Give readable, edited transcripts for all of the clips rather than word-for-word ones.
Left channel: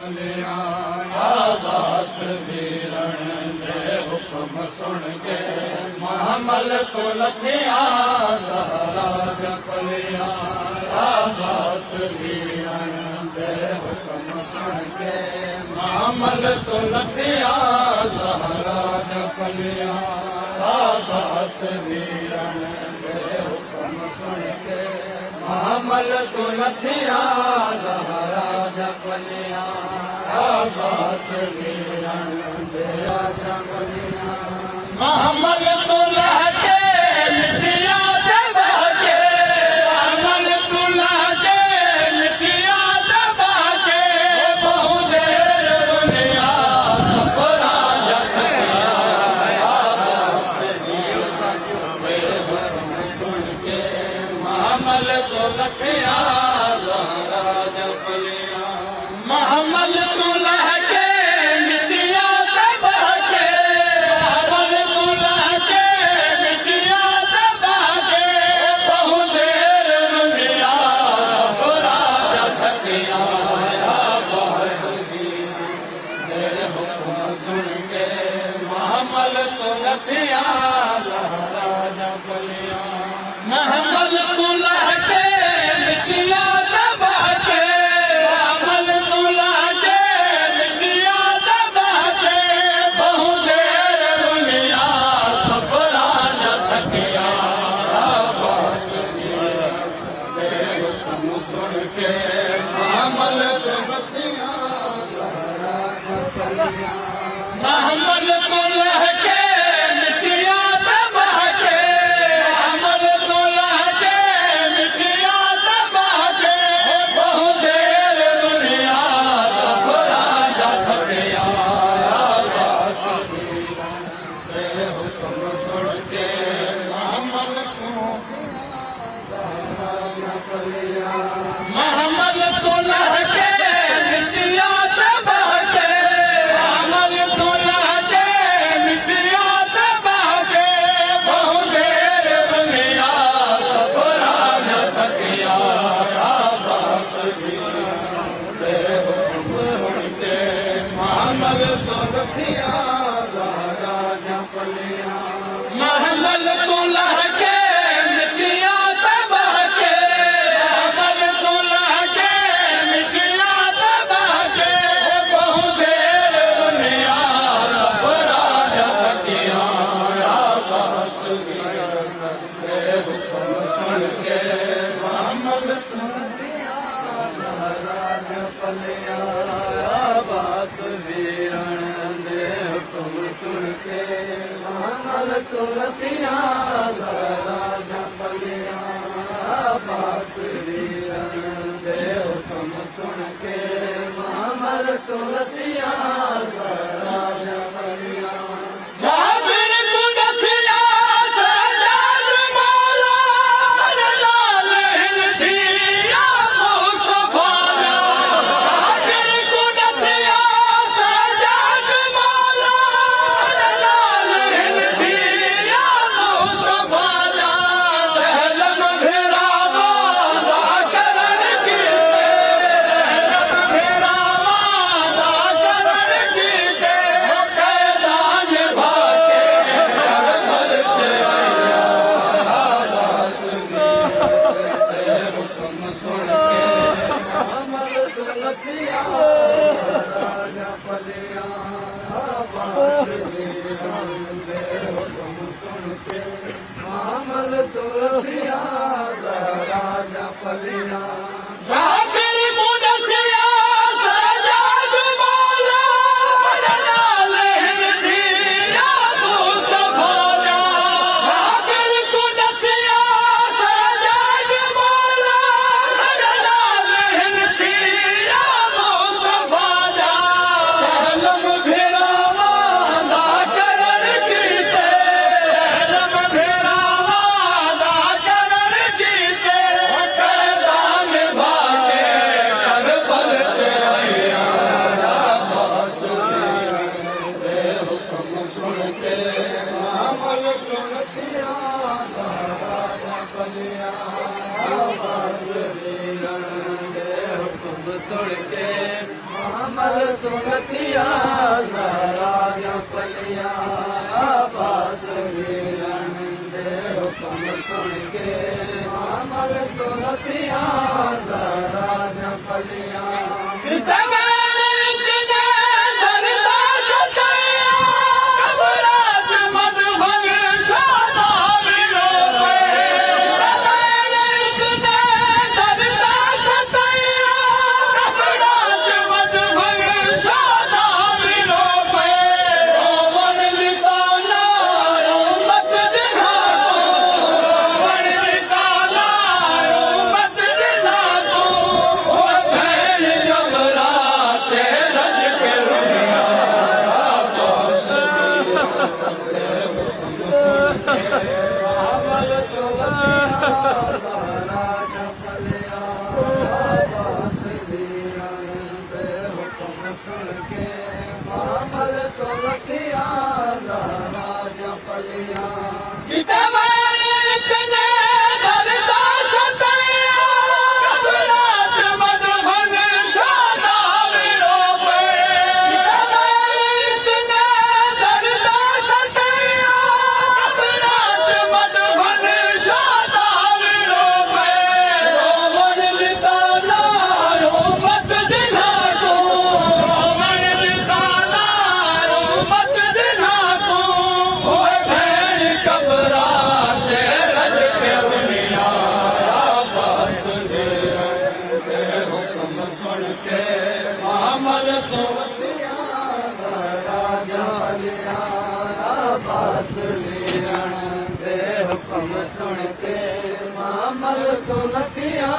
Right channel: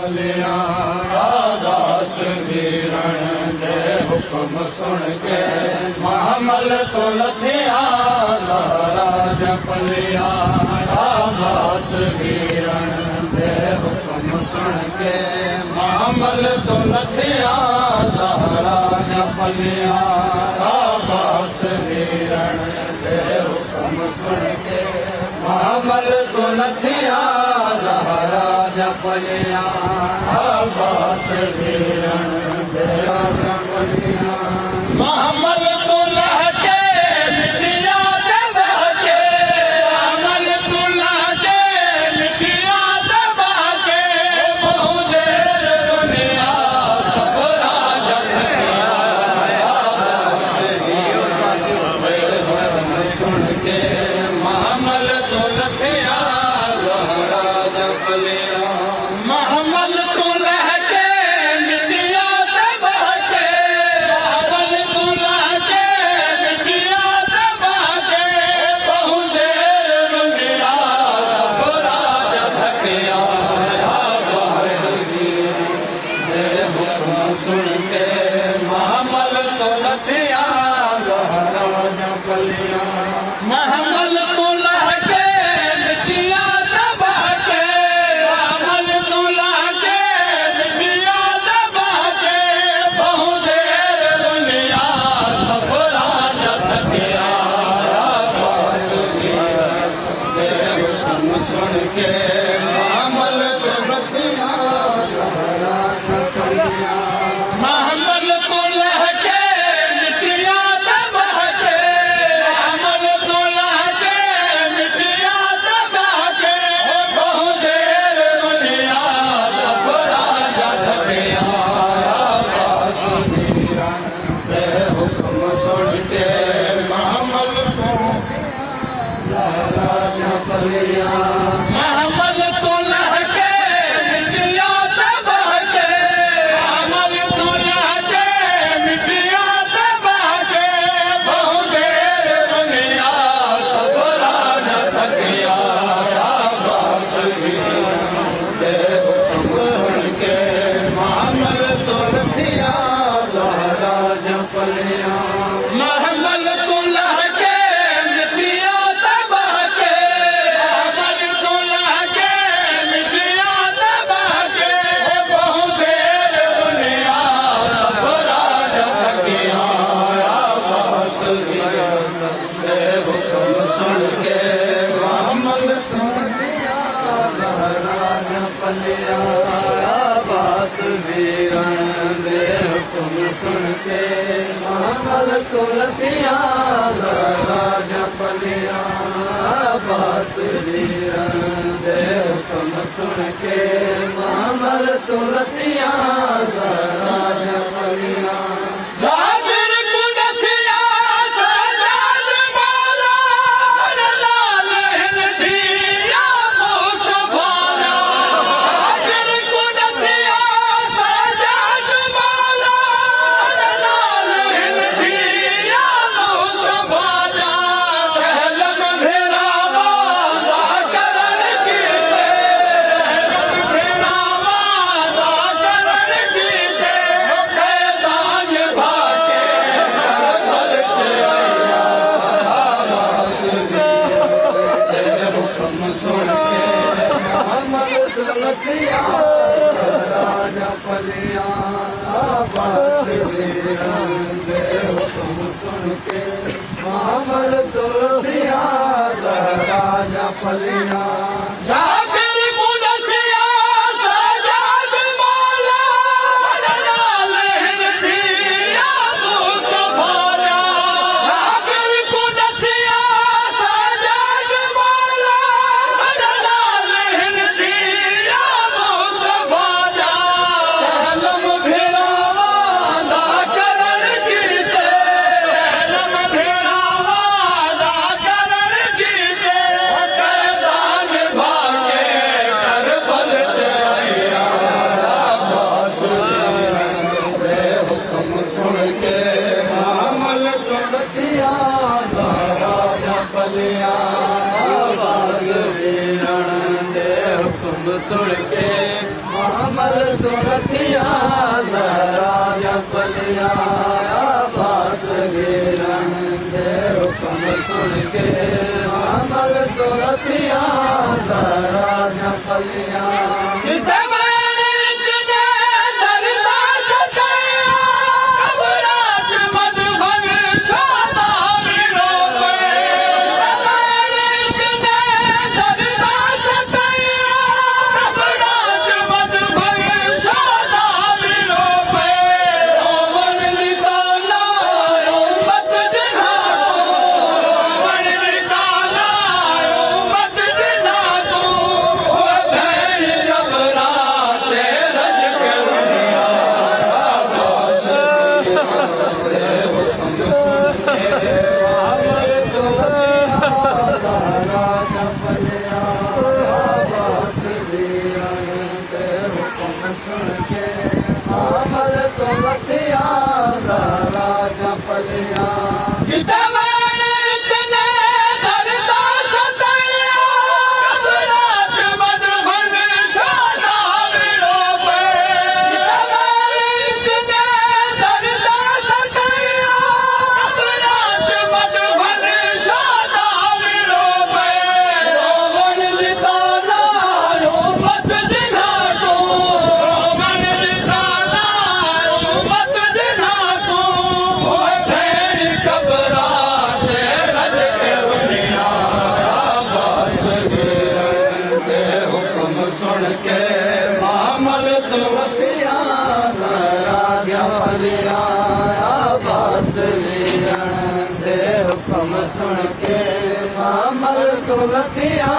पलिया दास वीरण दे हुक्म सुन के महामल तो लथिया राज पलिया दास वीरण दे हुक्म सुन के महामल तो लथिया राज पलिया दास वीरण दे हुक्म सुन के महामल तो लथिया राज पलिया दास वीरण दे पलिया महामल तो लहके मिठिया दबा के महामल तो लहके मिठिया दबा के बहु देर दुनिया सफरा जखया दास वीरण दे हुक्म सुन के महामल तो लथिया राज पलिया महामल तो लहके मिठिया दबा के महामल तो लहके मिठिया दबा के बहु देर दुनिया सफरा जखया दास वीरण दे हुक्म सुन के महामल तो लथिया राज पलिया महामल तो लहके मिठिया दबा के महामल तो लहके मिठिया दबा के बहु देर दुनिया सफरा जखया दास वीरण दे हुक्म सुन के महामल तो लथिया राज पलिया महामल तो लहके मिठिया दबा के महामल तो लहके मिठिया दबा के बहु देर दुनिया सफरा जखया दास वीरण दे हुक्म सुन के महामल तो लथिया राज पलिया महामल तो लहके मिठिया दबा के महामल तो लहके मिठिया दबा के बहु देर दुनिया सफरा जखया दास वीरण दे हुक्म सुन के महामल तो लथिया राज पलिया महामल तो लहके मिठिया दबा के महामल तो लहके मिठिया दबा के बहु देर दुनिया सफरा जखया दास वीरण दे हुक्म सुन के महामल तो लथिया राज पलिया दास वीरण दे हुक्म सुन के महामल तो लथिया राज पलिया दास वीरण दे हुक्म सुन के महामल तो लथिया राज पलिया जाबिर कुदसिया सजाद मौला लाल हिंदिया मुस्तफा जाबिर कुदसिया सजाद मौला लाल हिंदिया मुस्तफा जहलम भिरावा करण कीते जहलम भिरावा करण कीते कैदान भाके करबल से आया दास वीरण दे हुक्म सुन के महामल तो लथिया राज पलिया दास वीरण दे हुक्म सुन के महामल तो लथिया राज पलिया जाबिर कुदसिया सजाद मौला लाल हिंदिया मुस्तफा जाबिर कुदसिया सजाद मौला लाल हिंदिया मुस्तफा जहलम भिरावा करण कीते जहलम भिरावा करण कीते कैदान भाके करबल से आया दास वीरण दे हुक्म सुन के महामल तो लथिया राज पलिया दास वीरण दे हुक्म सुन के महामल तो रखिया राजा पलिया बास वीरण दे हुक्म सुन के मामल तो रखिया राजा पलिया राजा पलिया सुन के मामल तो रखिया राजा पलिया बास वीरण दे हुक्म सुन के मामल तो रखिया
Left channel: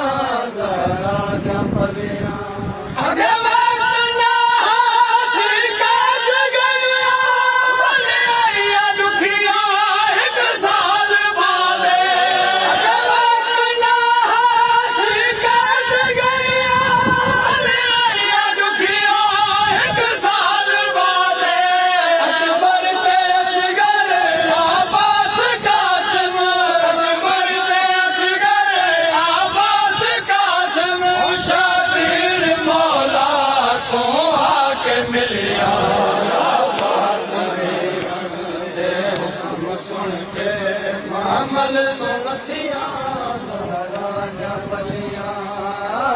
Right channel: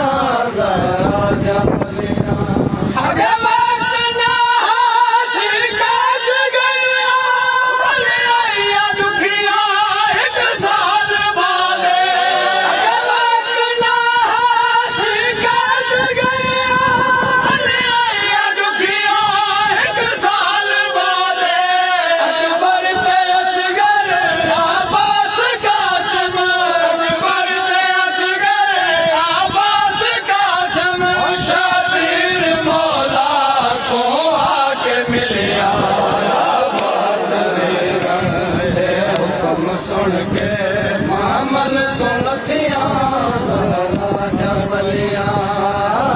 राजा पलिया सुन के मामल तो रखिया राजा पलिया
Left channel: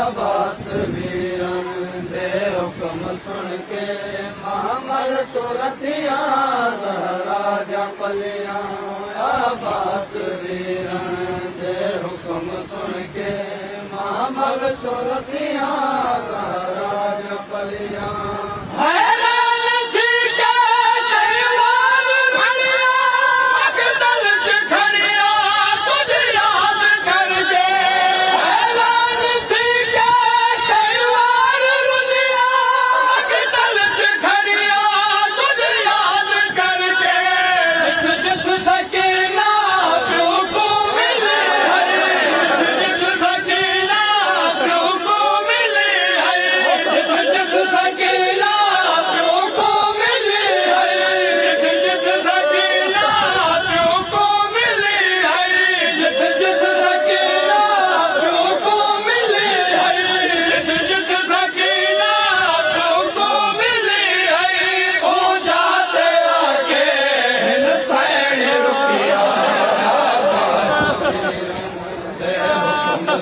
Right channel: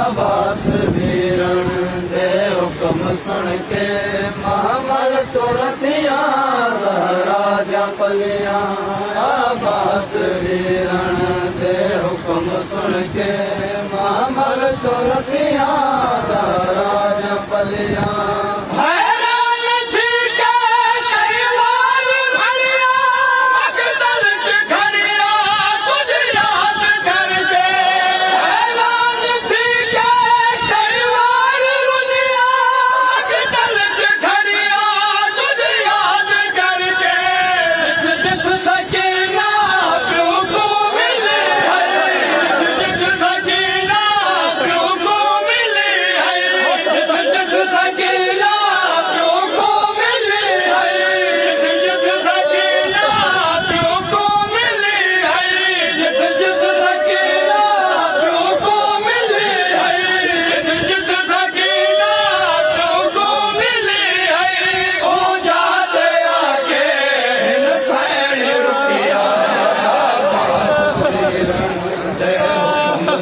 बास वीरण दे हुक्म सुन के मामल तो रखिया राजा पलिया बास वीरण दे हुक्म सुन के मामल तो रखिया राजा पलिया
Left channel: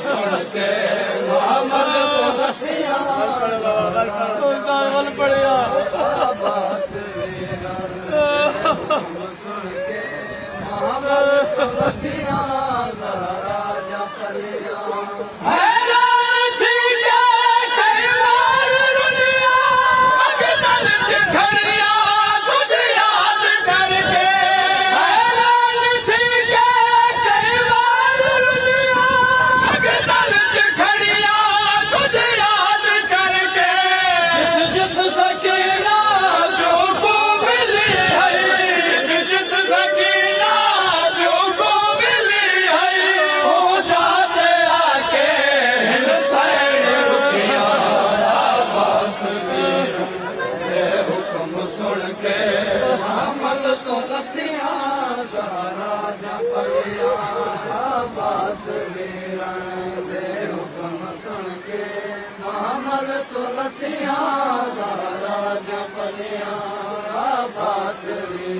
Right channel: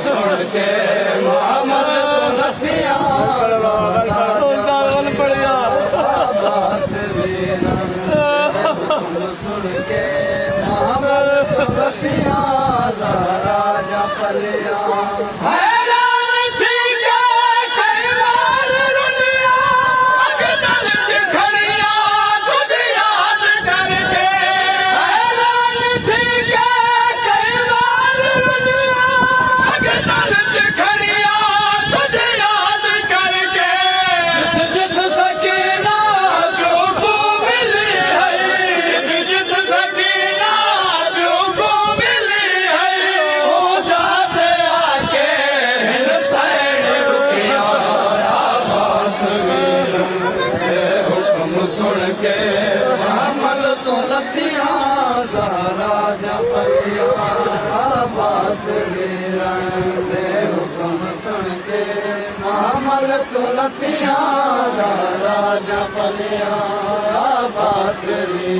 सुन के राजा पलिया सुन के मामल तो रखिया राजा पलिया बास वीरण दे हुक्म सुन के मामल तो रखिया जा पलिया बांसुरी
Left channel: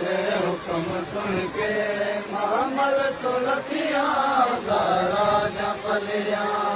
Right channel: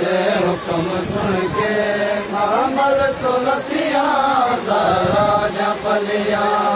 दे हुक्म सुन के मोहम्मद तो लथिया ज़हरा जा पलिया